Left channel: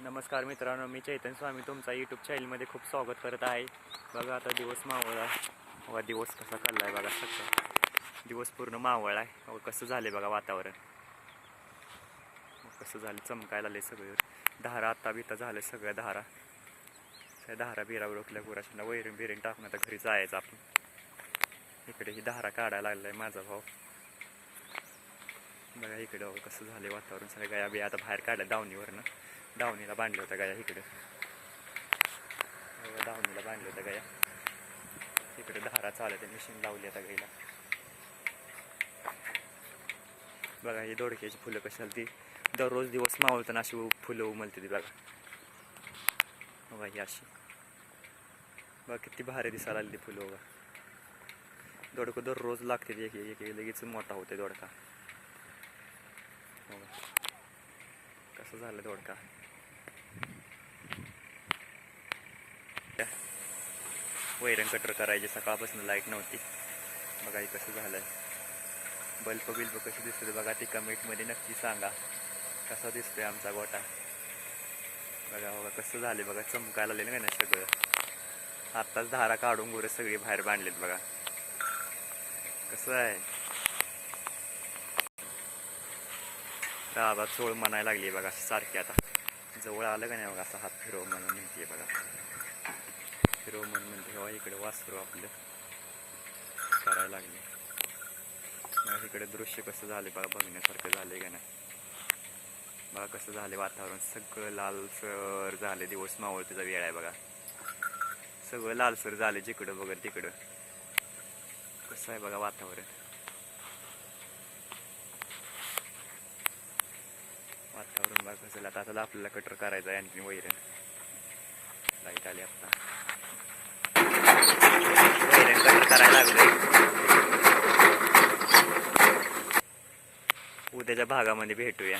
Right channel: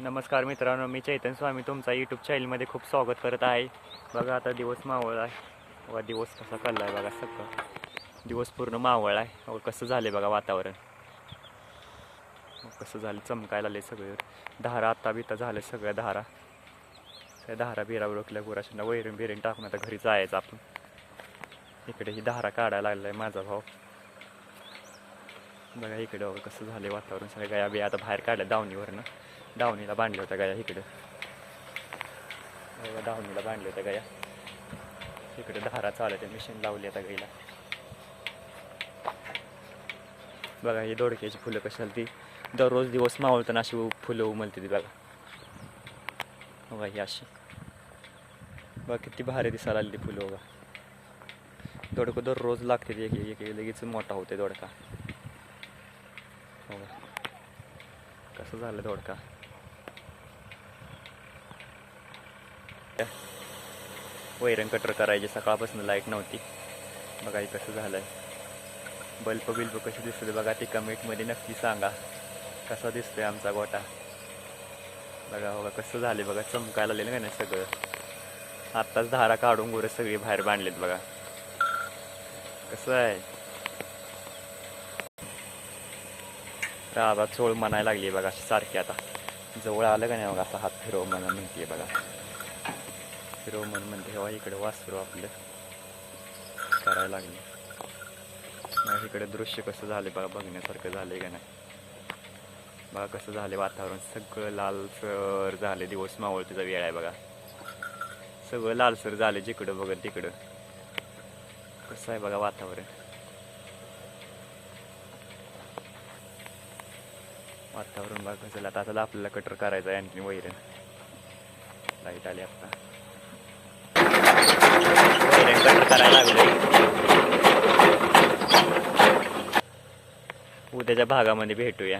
नमस्कार मित्रांनो, मी चैतन्य स्वामी तुमचा यूट्यूब चॅनलमध्ये खूप स्वागत करत आहे. बघा आता दिवस मावळ आहे. बघा दिवस कसा चालला आहे बघा. सगळं दिवस पूर्ण मावळ आहे. बघा कसं झालं बघा वातावरण. कसं झालं, चमकायला आले सगळे धारा. आता बिता झालं सगळ्या धारा. त्या धारा बिरावर रोखल्या गुराशांना वैरण बिरण टाकून आता घरी जायचं आपण. इकडे ही धारा काढायला लागलाय माझा भाऊ. बघा इकडे बघा कसं झालं वातावरण. सगळ्या गाया बी आता बाहेर काढल्या दावणीवरनं. दावणीला बांधल्या होत्या गाया इकडं. बघा दावणीला बांधल्या होत्या गाया. इकडे धारा चालत आहे, मशीन लावली आता गाईला. बघा ही दोडक्याची फुलं कशाला ती दररोज दिवस मावळताना अशी फुलं उमलते ती बघा. बघा ही अशी बघा किती भारी दिसायला आली ती फुलं. बघा दोडकं दररोज लागते ती. एक लगेच मोठा होते दोडका. बघा कसं झालं दोडका. वैरण कटर करायची, सकाळपासून लाईट नव्हती. बघा हे कसं झालंय. बल्ब बिल्ब कसे दिसते बघा. ते कमेंटमध्ये नक्की सांगा कसा दिसतोय आमचा गोटा. बघा बघा कसं झाले बघा. चमकायला आलेलं का नाही सगळं. आत्ताच धारा काढून गुरं सगळी बाहेर बांधलेत बघा. कसं आहे राबा चोळ म्हणायला लागली बघा सारखी. आता जवळ आलं का नाही बघा असा हात फिरव म्हणा म्हणते बघा. फिरव म्हणते तेव्हा इकडे वासरू आपलं करायला लागले. मग इकडे दृश्य कसं झाले बघा. बघण्यासारखं झालंय का नाही. बघा कसं झाले वातावरण. सगळं लालसर झाले. दिवस मावळतीचा वेळ आहे बघा. सगळं लालसर झाले जिकडं बघा तिकडं. कसं आहे बघा वातावरण. वातावरण बघा कसं. आता आपल्याला कटर करायचं आहे आणखी वैरण. लाईट आली आता. वैरण कटर करायला लागलोय. उद्याच्या भागामध्ये भेटूया.